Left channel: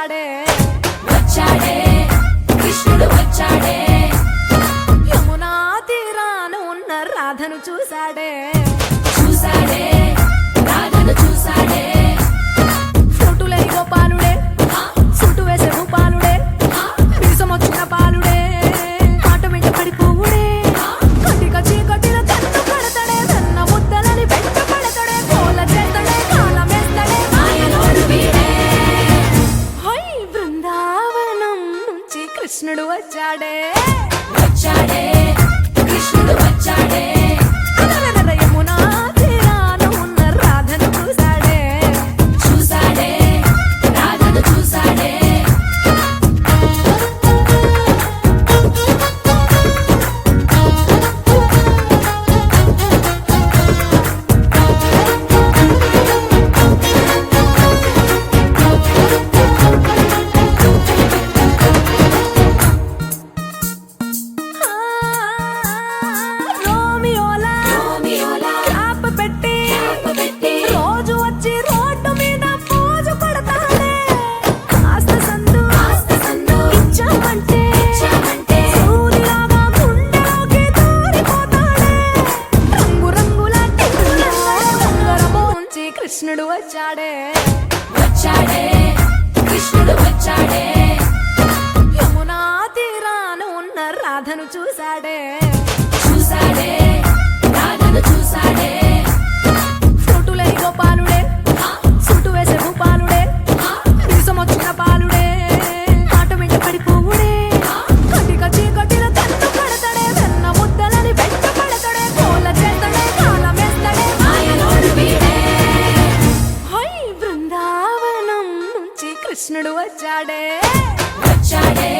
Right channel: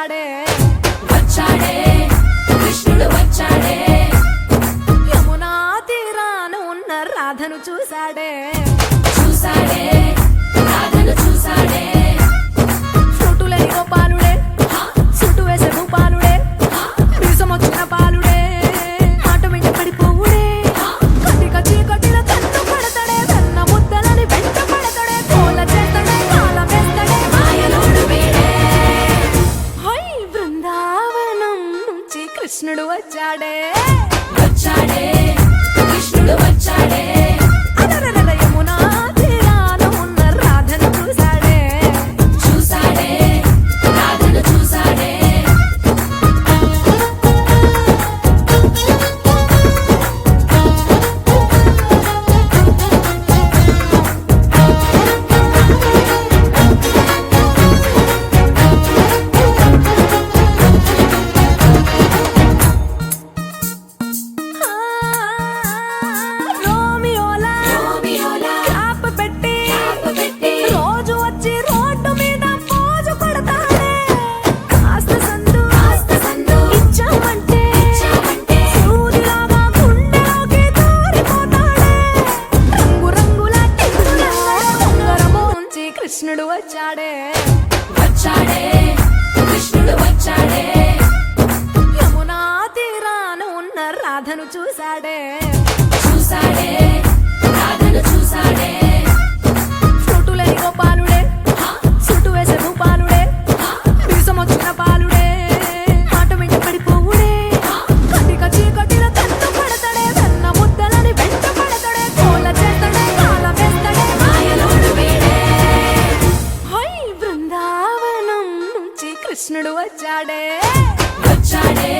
వచ్చాడే వచ్చాడే కృష్ణుడు వచ్చాడే యమునా తీరాన ఉన్న రాధను చూశాడే చూసాడే రాధను చూసాడే ఫ్లూటులేని గోపాలుడే సుట్టు వేసే భూపాలుడే వీసమొచ్చిన పాలుడే మాట వెంట పడిపోవుడే కటిక చీకటిలో కన్ను కడతాడే వెన్న ముద్దలని వెంట పడతాడే కోల చేస్తాడే కాలమేస్తాడే మాయలోడు వీడే హై బృందావనం నుంచి కృష్ణుడు వచ్చాడే వచ్చాడే కృష్ణుడు వచ్చాడే అలరల యమునా తీరాన ఉన్న రాధను చూశాడే చూసాడే రాధను చూసాడే ఆ, రోమియోలా రోమియోలా క్యాప్ పెట్టి పెట్టి రోజు వచ్చి రోడ్డు మీద పోజు కొడతాడే కాస్త సందు సందు ఇచ్చామంటే ఇచ్చామంటే సూదిలాగా గుండెలోకి దూరిపోతాడే రంగు రంగుల టింగులా ఉంగరమోంచి కృష్ణుడు వచ్చాడే వచ్చాడే కృష్ణుడు వచ్చాడే యమునా తీరాన ఉన్న రాధను చూశాడే చూసాడే రాధను చూసాడే ఫ్లూటులేని గోపాలుడే సుట్టు వేసే భూపాలుడే వీసమొచ్చిన పాలుడే మాట వెంట పడిపోవుడే కటిక చీకటిలో కన్ను కడతాడే వెన్న ముద్దలని వెంట పడతాడే కోల చేస్తాడే కాలమేస్తాడే మాయలోడు వీడే హై బృందావనం నుంచి కృష్ణుడు వచ్చాడే వచ్చాడే